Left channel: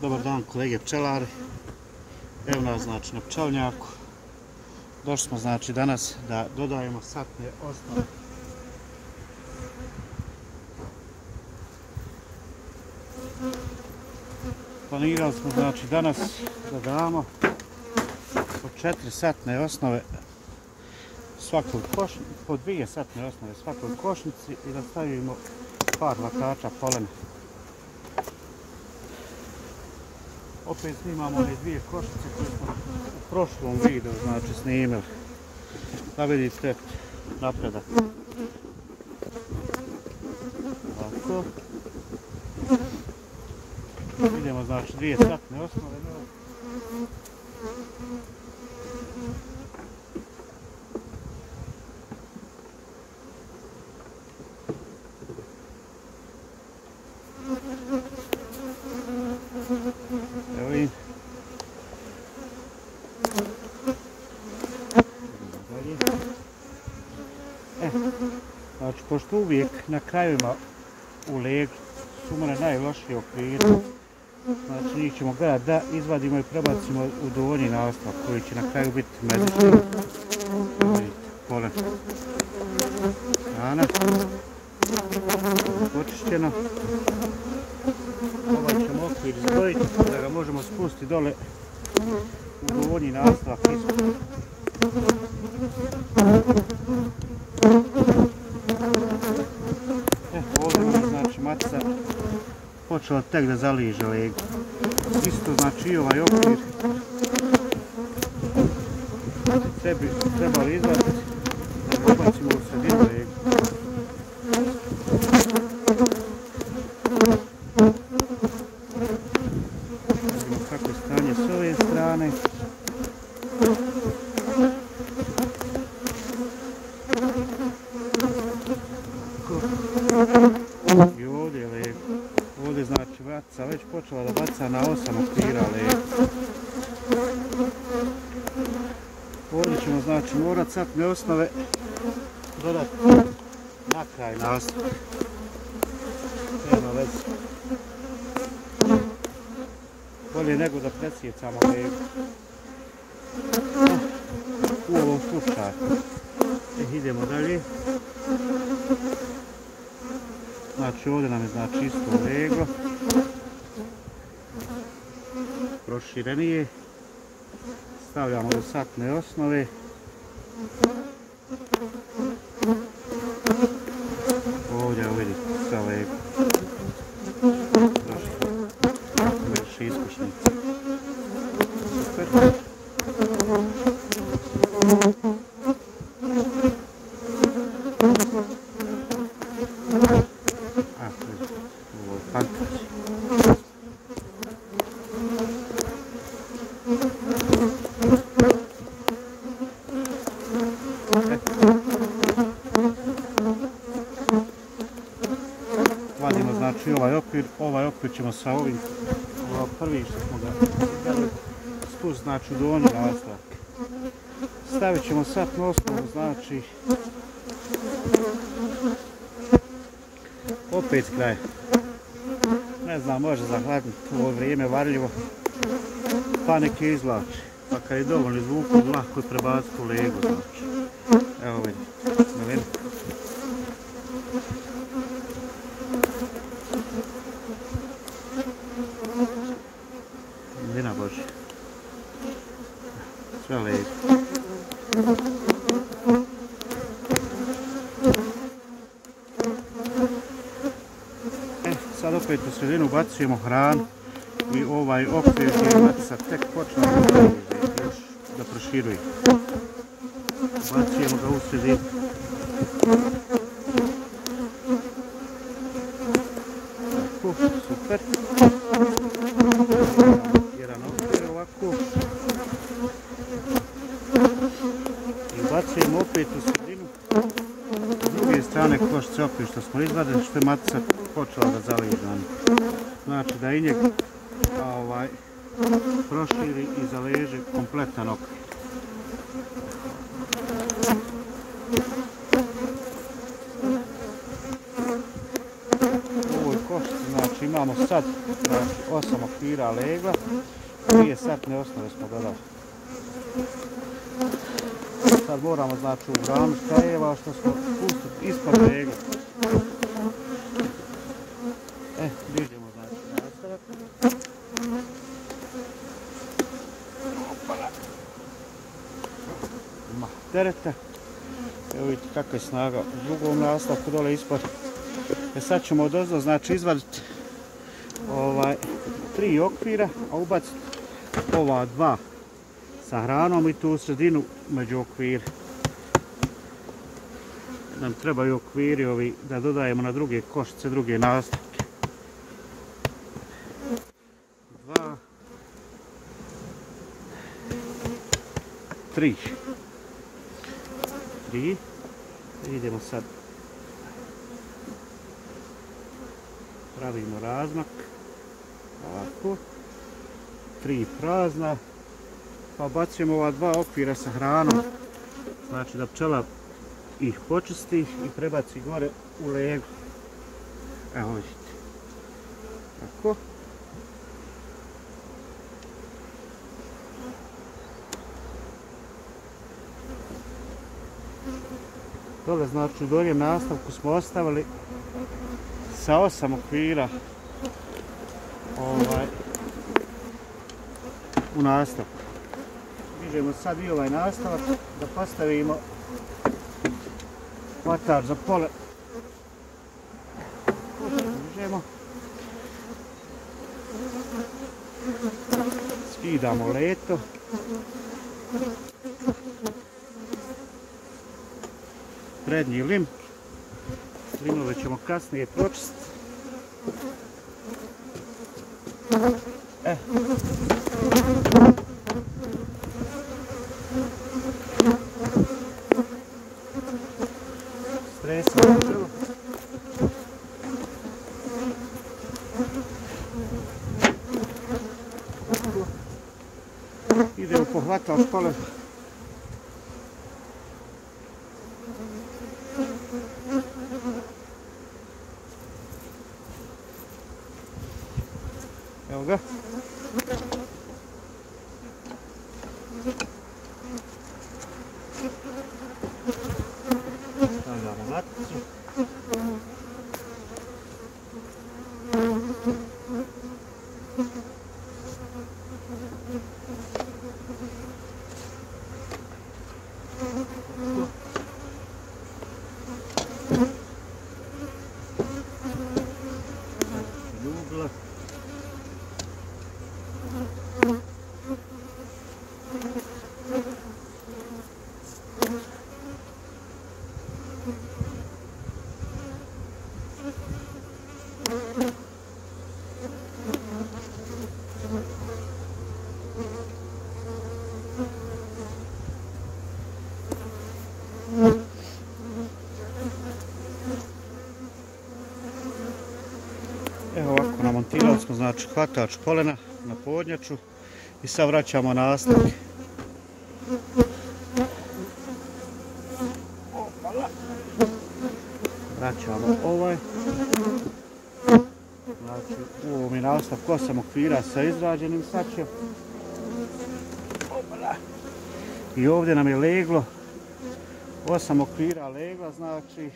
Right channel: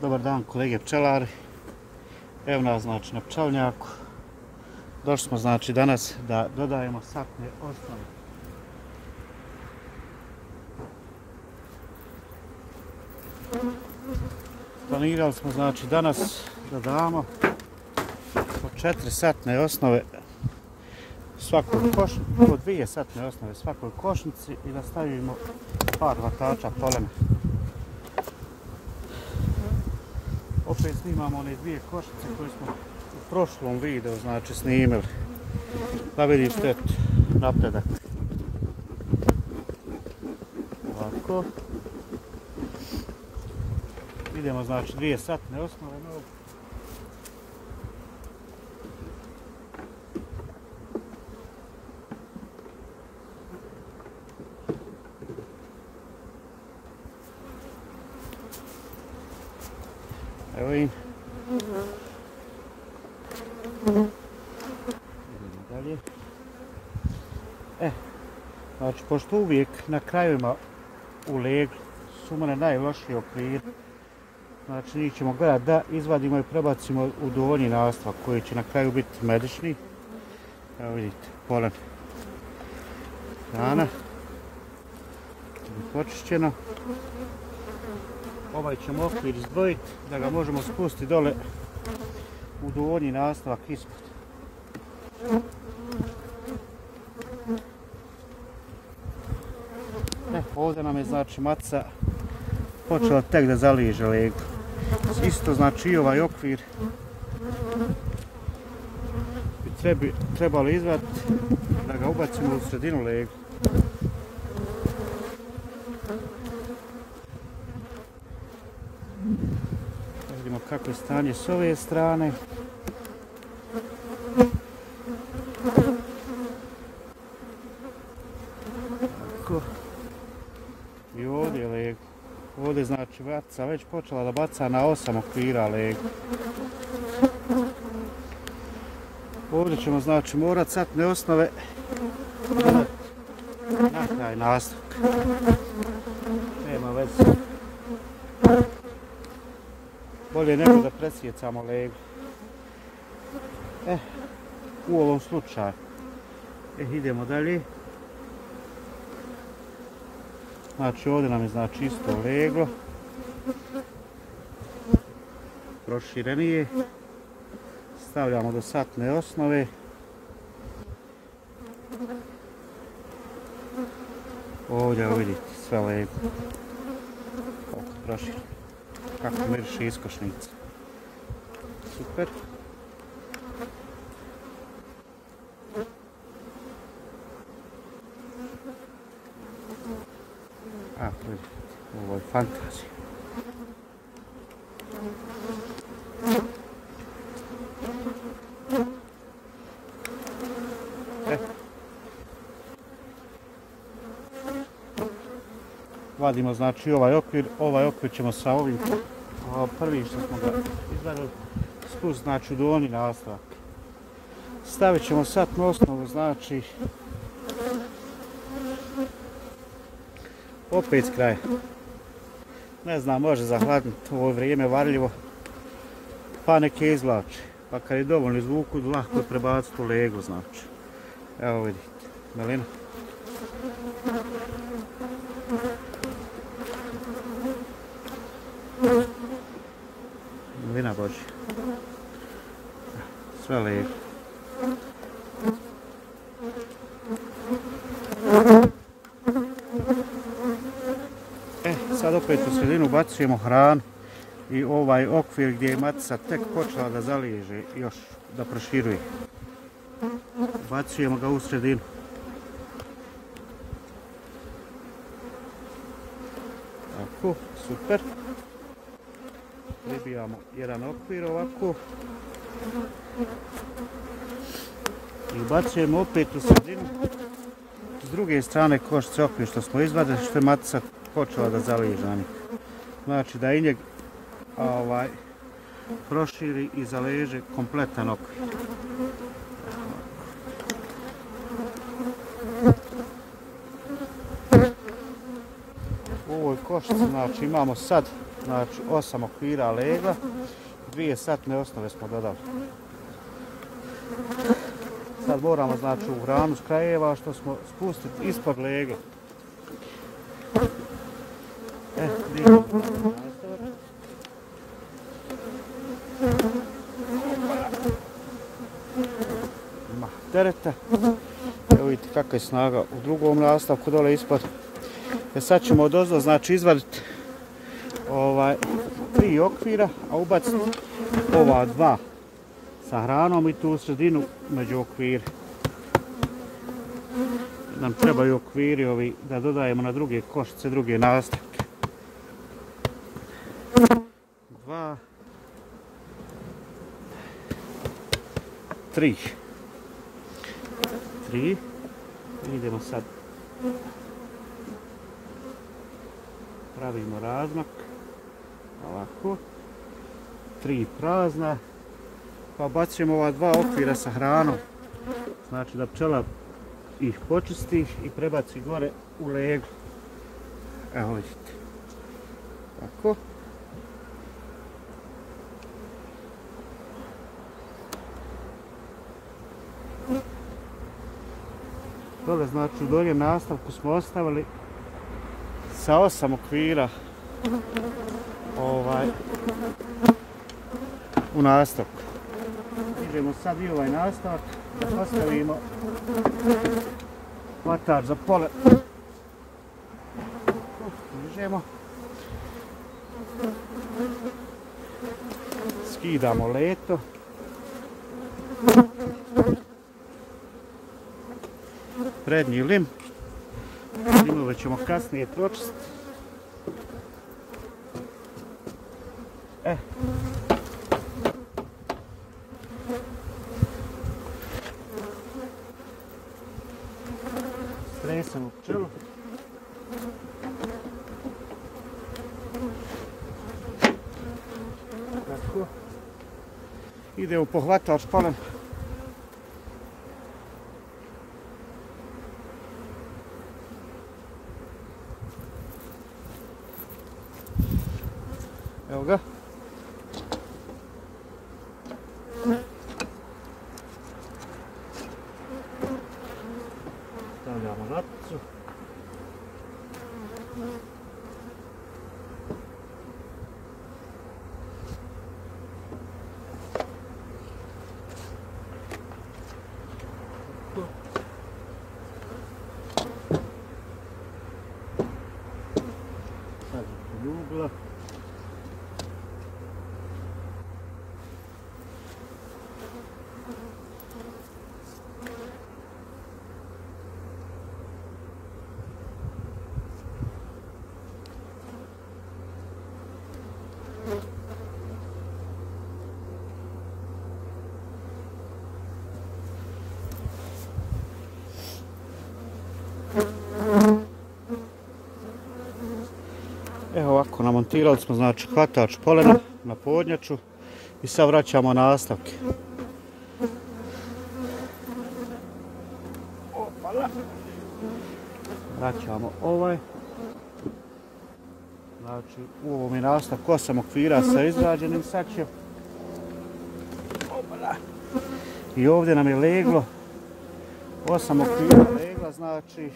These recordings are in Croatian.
Dobar dan kolege pčelari, evo nas znači na pčelnjaku. Došli smo znači danas da dodajemo satne osnove. Planirali smo znači danas da damo po 4 satne osnove svakoj košnici, po 2 satne osnove svakoj košnici i da stavimo par hvatača polena. Opet snimamo one 2 košnice koje smo u prošlom videu znači snimili. Da vidite napredak. Ovako. Idemo znači 2 satne osnove. Evo im. Idemo dalje. Znači, pošto uvijek na krajevima u legu su mene najlošiji okviri, znači njih ćemo gledati da izvadimo i prebacimo u donji nastavak koji će na kraju biti medični. Vidite, polen. Hrana. Počišćena. Ovaj ćemo okvir izdvojiti da ga možemo spustiti dole u donji nastavak ispod. Ovdje nam je znači matica počela tek da zaliže legu. Isto znači i ovaj okvir trebali izvaditi da ga ubacimo u sredinu legu. Vidimo kako je stanje s ove strane. I ovdje je lego. Ovdje znači matica već počela da baca na 8 okvira legu. Ovdje ćemo znači morat satne osnove dodati na kraj nastavka. Nema veze. Bolje nego da presjecamo legu. U ovom slučaju. Idemo dalje. Znači ovdje nam je znači isto lego. Proširenije. Stavljamo do satne osnove. Ovdje vidite sve lego. Prošireno. Kako miriše iskušnice. Super. Ovo je fantastično. Vadimo znači ovaj okvir ćemo sa ovim prvim što smo ga izgledali spust znači do donji nastavak. Stavit ćemo satnu osnovu znači opet s kraja. Ne znam, može zahvatiti u ovo vrijeme varljivo pa neke izvlače. Pa kad je dovoljno izvuku, lako je prebaciti u legu znači. Evo vidite, malina. Malina Božja. Sve legu. Sad opet u sredinu ubacujemo hranu i ovaj okvir gdje je matica tek počela da zaliže još da proširuje. Ubacujemo ga u sredinu. Tako, super. Jedan okvir ovako. I ubacujemo opet u sredinu. S druge strane košnice okvir što smo izvadili, što je matica počela da zaliže. Znači da i njeg proširi i zaleže kompletan okvir. košnici, znači Znači imamo sad 8 okvira legla, 2 satne osnove smo dodali. Sad moramo znači u gramu škajeva što smo spustiti ispod legla. Dižemo nastavak. Ima tereta. Evo vidite kakva je snaga u drugom nastavku dole ispod. Sad ćemo odozdo znači izvaditi 3 okvira, a ubaciti ova 2 sa hranom i tu u sredinu među okvire. Nam trebaju okviri ovi da dodajemo na druge košice, druge nastavke. 2, 3. Idemo sad. Pravimo razmak. Ovako. 3 prazna. Pa bacimo ova 2 okvira sa hranom. Znači da pčela ih počisti i prebaci gore u leglo. Evo vidite. Tako. Dole znači u doljem nastavku smo ostavili sa 8 okvira u nastavku. Dižemo sad i ovaj nastavak da postavimo hvatač za pole. Dižemo. Skidamo leto. Prednji lim. Limove ćemo kasnije pročistiti. Stresamo pčelu. Tako. Idemo po hvatač pole. Evo ga. Stavljamo maticu. Ljubla. Evo ovako, namontirali smo znači hvatač polena na podnjaču i sad vraćamo nastavke. Vraćamo ovaj. Znači u ovom je nastavku 8 okvira sa izrađenim sačem. I ovdje nam je leglo 8 okvira legla, znači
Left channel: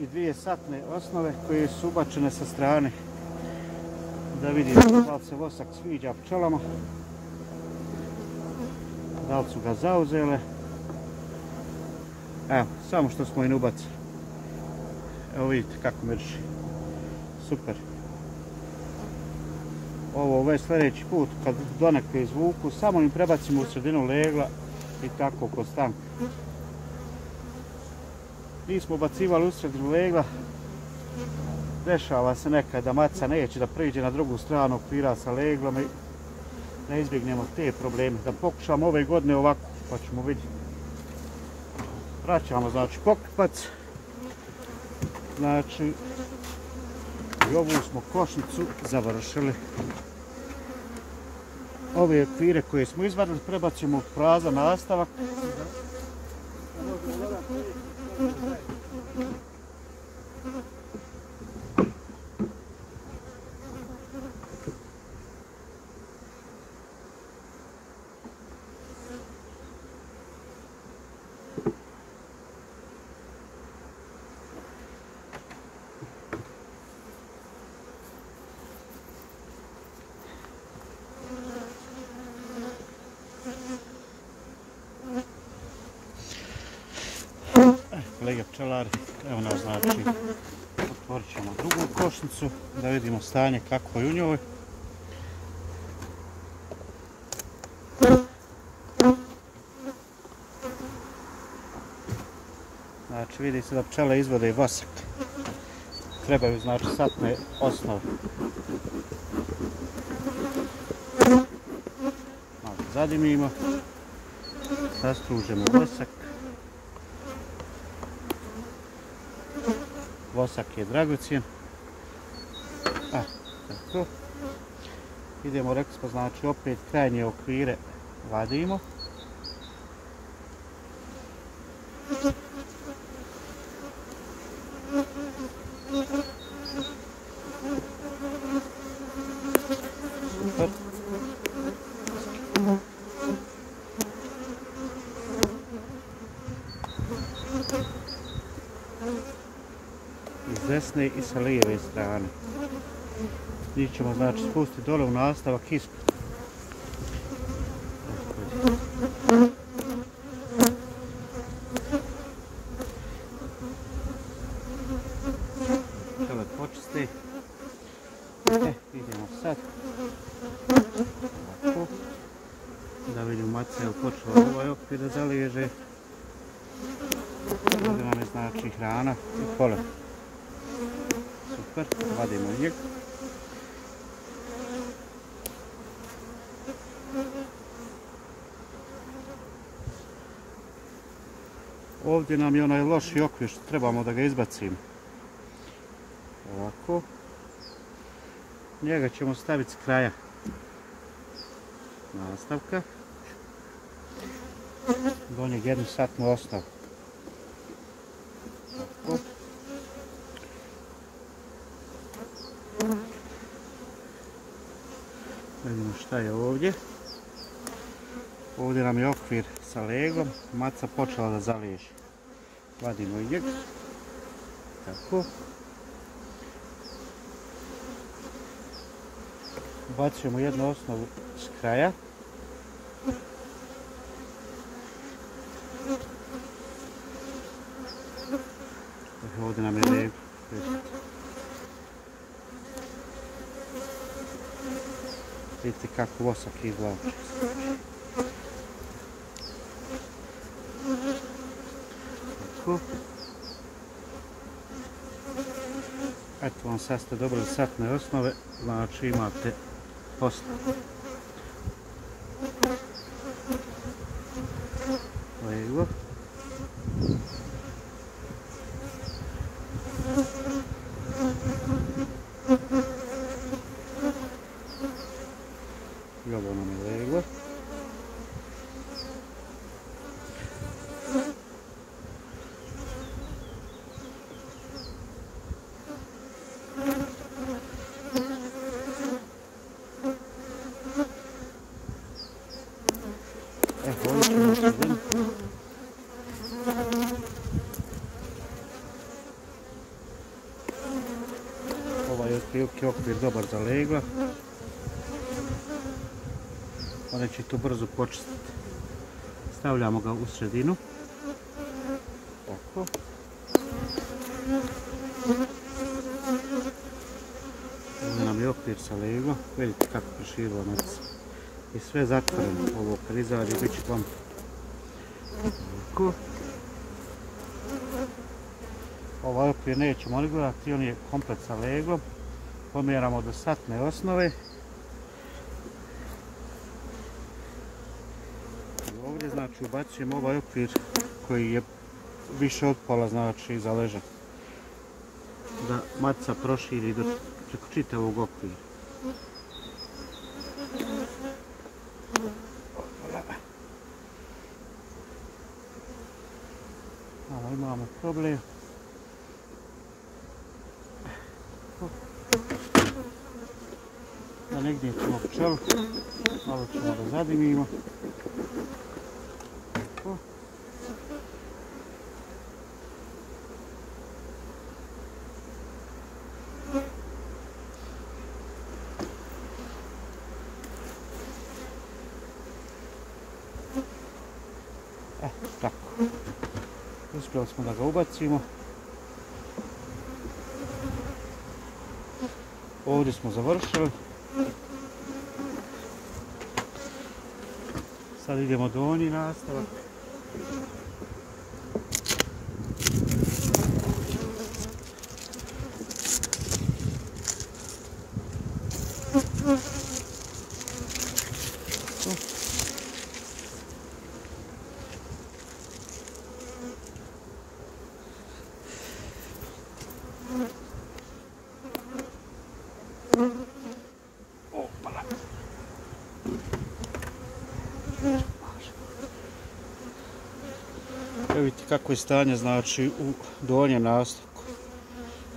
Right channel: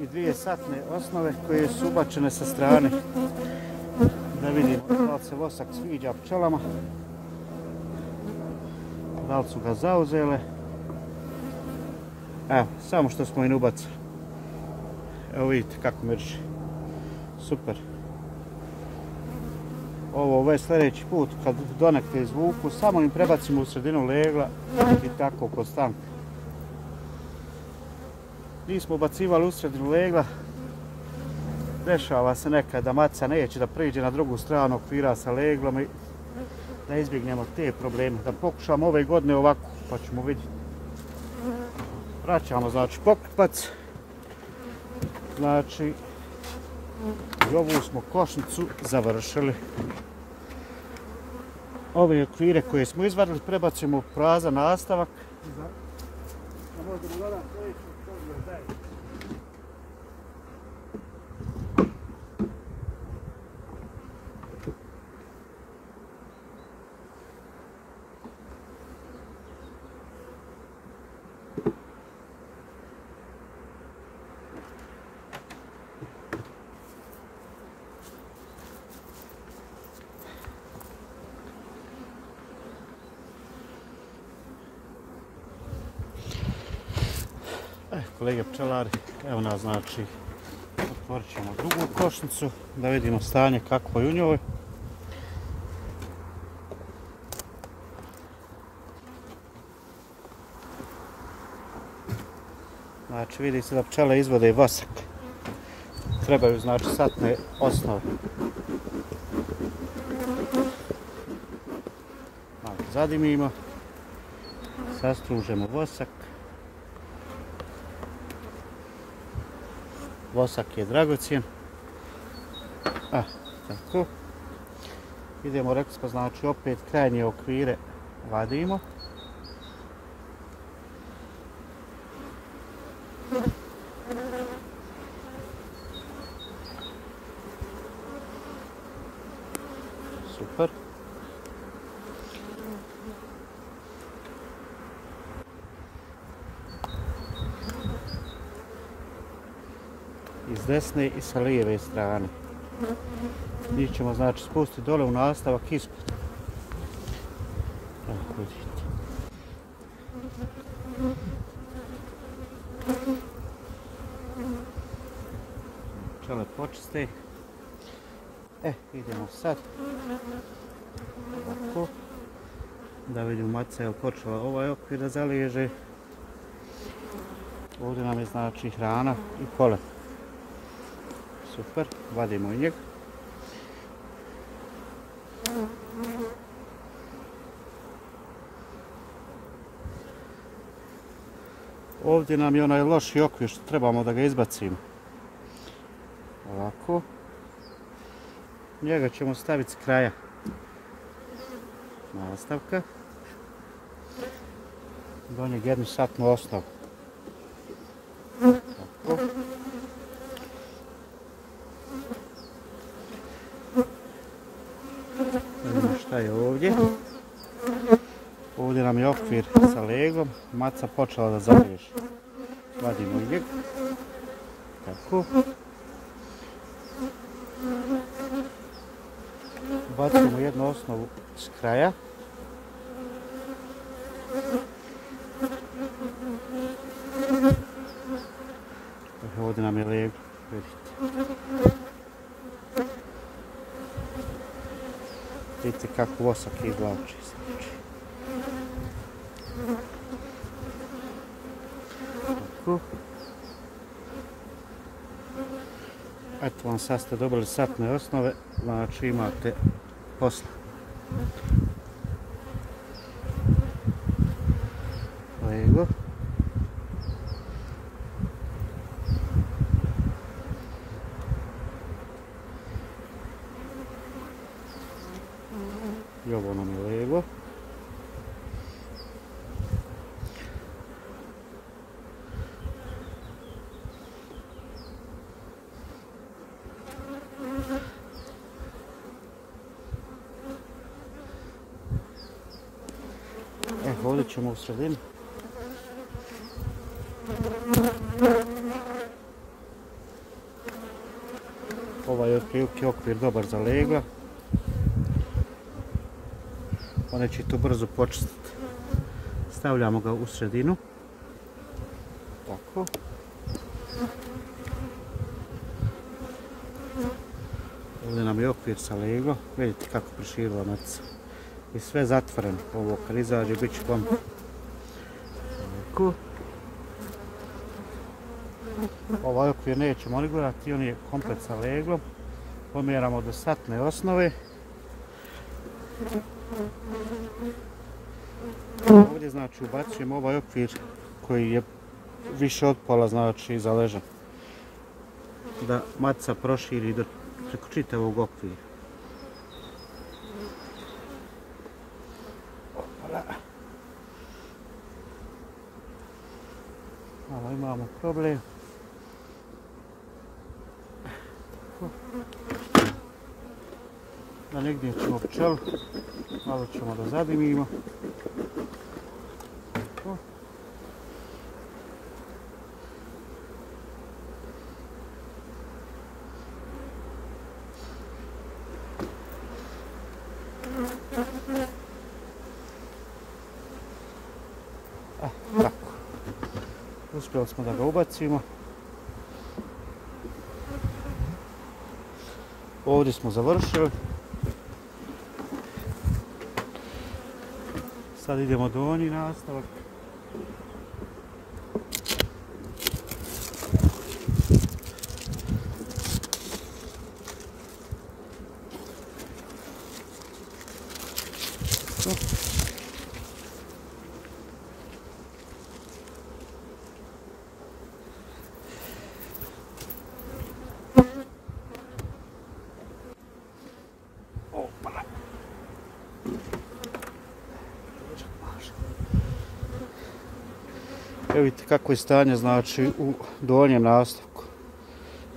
i 2 satne osnove koje su ubačene sa strane. Da vidimo da li se vosak sviđa pčelama, da li su ga zauzele. Evo, samo što smo im ubacili. Evo vidite kako miriše. Super. Ovo već sljedeći put kad donekle izvuku, samo im prebacimo u sredinu legla i tako konstantno. Nismo ubacivali u sredinu legla. Dešava se nekad da maca neće da priđe na drugu stranu okvira sa leglom i da izbjegnemo te probleme. Da pokušamo ove godine ovako, pa ćemo vidjeti. Vraćamo znači pokupac. Znači, i ovu smo košnicu završili. Ove okvire koje smo izvadili prebacimo u prazan nastavak. kolege pčelari. Evo nas, znači, otvorit ćemo drugu košnicu da vidimo stanje kako je u njoj. Znači vidi se da pčele izvode vasak. Trebaju znači satne osnove. Malo zadimimo. Sastružemo vosak. Vosak je dragocjen. Tako. Idemo, rekli smo, znači opet krajnje okvire vadimo. Super. Iz desne i sa lijeve strane. Njih ćemo znači spustiti dole u nastavak ispod. Pčele počiste. Idemo sad. Ovako. Da vidimo maca je počela ovaj okvir da zaliježe. Ovdje nam je znači hrana i polen. Super, vadimo i njeg. Ovdje nam je onaj loši okvir što trebamo da ga izbacimo. Ovako. Njega ćemo staviti s kraja nastavka. Do njeg jednu satnu osnovu. Tako. Vidimo šta je ovdje. Ovdje nam je okvir sa legom. Maca počela da zaliježe. Vadimo njeg. Tako. Bacimo jednu osnovu s kraja. Ovdje nam je leg. Vidite kako vosak izvlači. Tako. Eto vam, sad ste dobili satne osnove, znači imate posla. Evo. I ovo nam je leglo. Ovdje ćemo sredinu. Ovaj je otprilike okvir dobar za legla. Onda će to brzo počistiti. Stavljamo ga u sredinu. Tako. Ovdje nam je okvir sa legla. Vidite kako proširila maca. I sve zatvoreno. Ovo kad izađe bit će kompletno. Tako. Ovaj okvir nećemo regulirati, on je komplet sa leglom. Pomjeramo do satne osnove. Ovdje znači ubacujemo ovaj okvir koji je više od pola znači za ležak. Da maca proširi preko čitavog okvira. Malo imamo problem. Da negdje ćemo pčelu, malo ćemo da zadimimo. Uz uspjeli smo da ga ubacimo. Ovdje smo završili. Sad idemo donji nastavak. Vidite kako je stanje, znači, u donjem nastavku.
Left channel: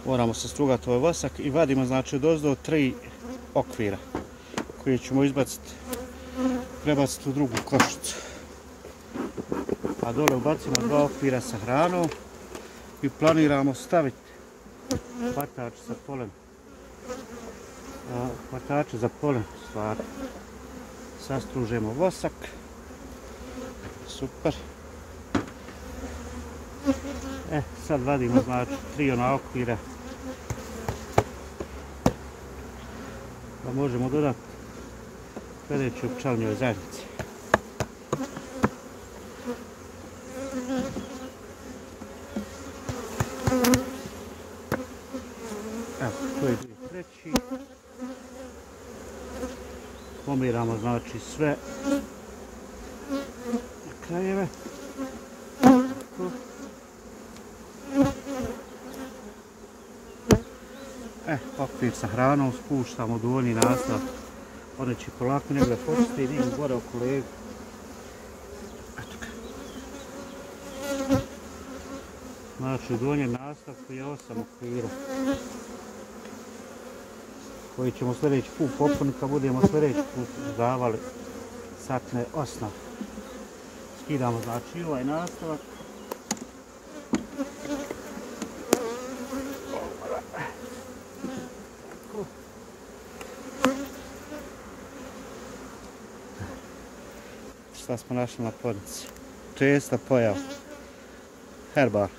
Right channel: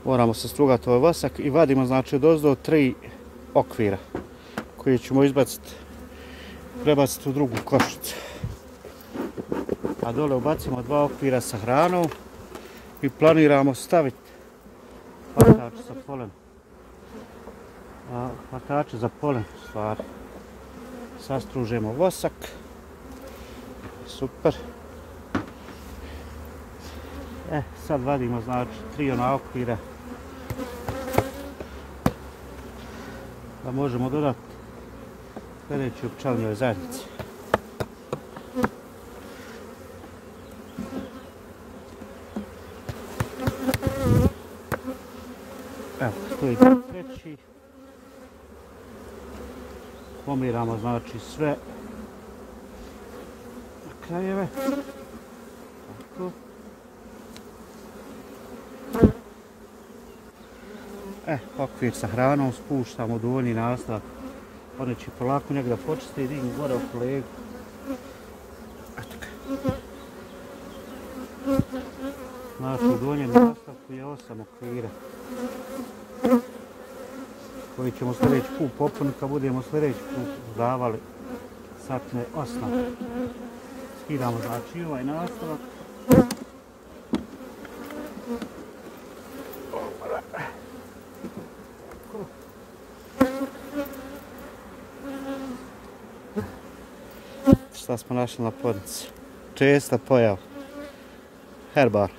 Moramo se strugati ovaj vasak i vadimo, znači, odozdo 3 okvira koje ćemo izbaciti, prebaciti u drugu košicu. A dole ubacimo 2 okvira sa hranom i planiramo staviti hvatač sa polen. Hvatače za polen, stvari. Sastružemo vosak. Super. Sad vadimo, znači, 3 ona okvira da možemo dodati sljedeći u pčelinjoj zajednici. Evo, tu je treći. Pomiramo, znači, sve na krajeve. Tako. Okvir sa hranom spuštamo u donji nastavak. One će polako njega da počiste i vidimo gore oko levu. Znači u donjem nastavku je 8 okvira koji ćemo sljedeći put popuniti kad budemo sljedeći put dodavali satne osnove. Skidamo, znači, ovaj nastavak. Šta smo našli na podnici? Česta pojava. Herbar.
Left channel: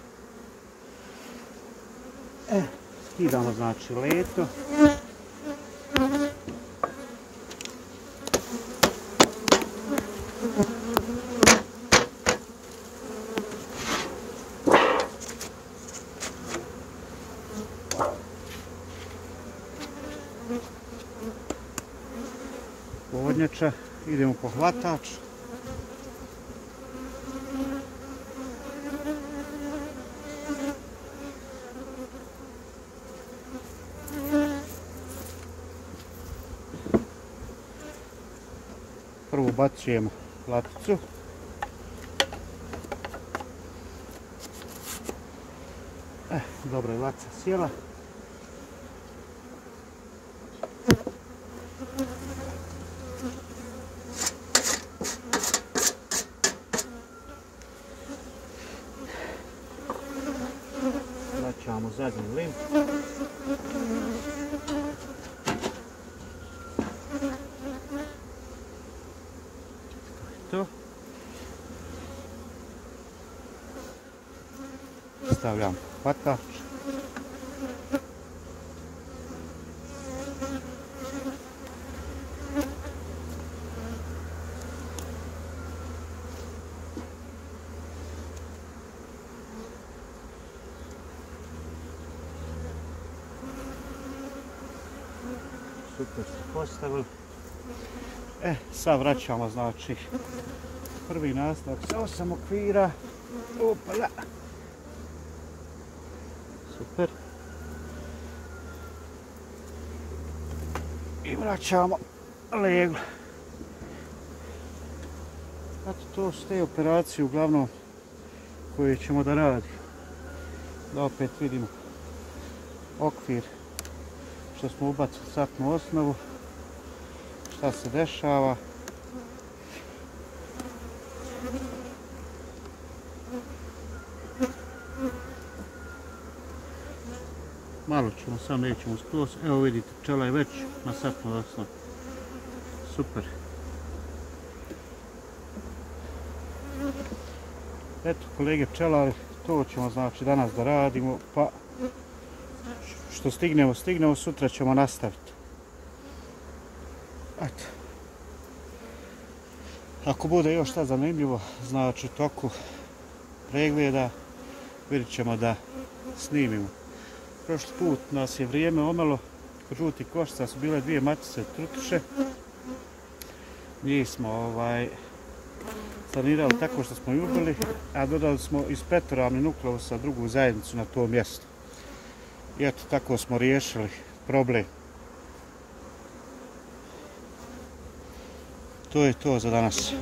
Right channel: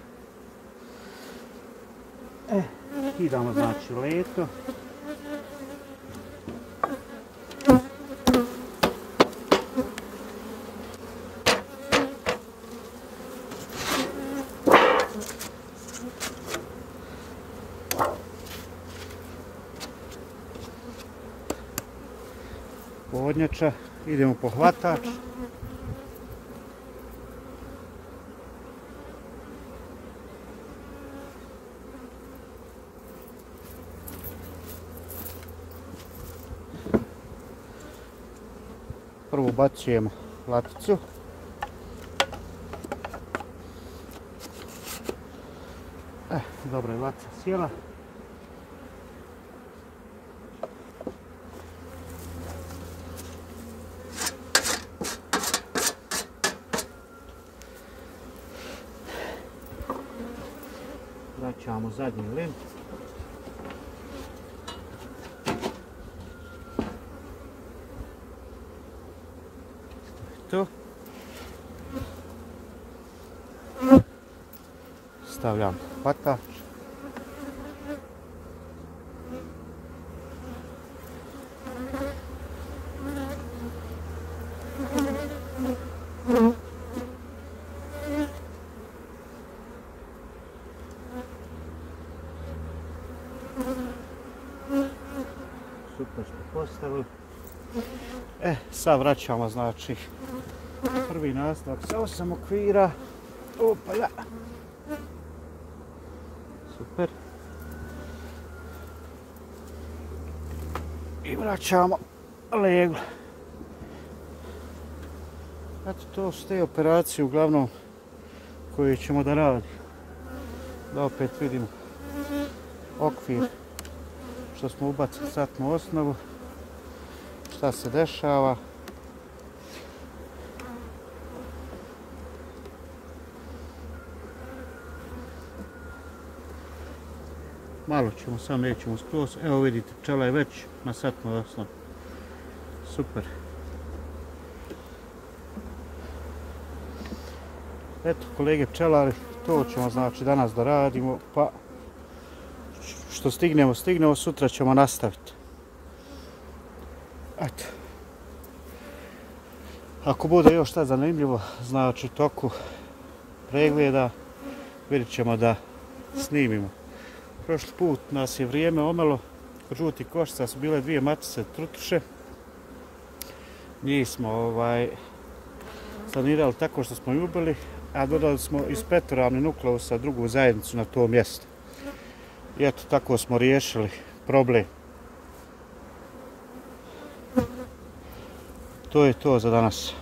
Skidamo, znači, leto. Podnjača. Idemo po hvatač. Prvo ubacujemo laticu. Dobro je latica sjela. Vraćamo zadnji lim. To. Stavljam hvatač. Super ste postavili. Sad vraćamo, znači, prvi nastavak sa 8 okvira. Opala. Super. I vraćamo leglo. Eto, to su te operacije uglavnom koje ćemo da radimo. Da opet vidimo okvir što smo ubacili satnu osnovu, šta se dešava. Malo ćemo, samo nećemo skroz. Evo vidite, pčela je već na satnoj osnovi. Super. Eto, kolege pčelari, to ćemo znači danas da radimo, pa što stignemo, sutra ćemo nastaviti. Ajde. Ako bude još šta zanimljivo, znači toku pregleda, vidjet ćemo da snimimo. Prošli put nas je vrijeme omelo, kod žutih koštica su bile 2 matice trutiše. Njih smo sanirali tako što smo ubili, a dodali smo ispetoralni nukleusa drugu zajednicu na to mjesto. I eto, tako smo riješili problem. To je to za danas.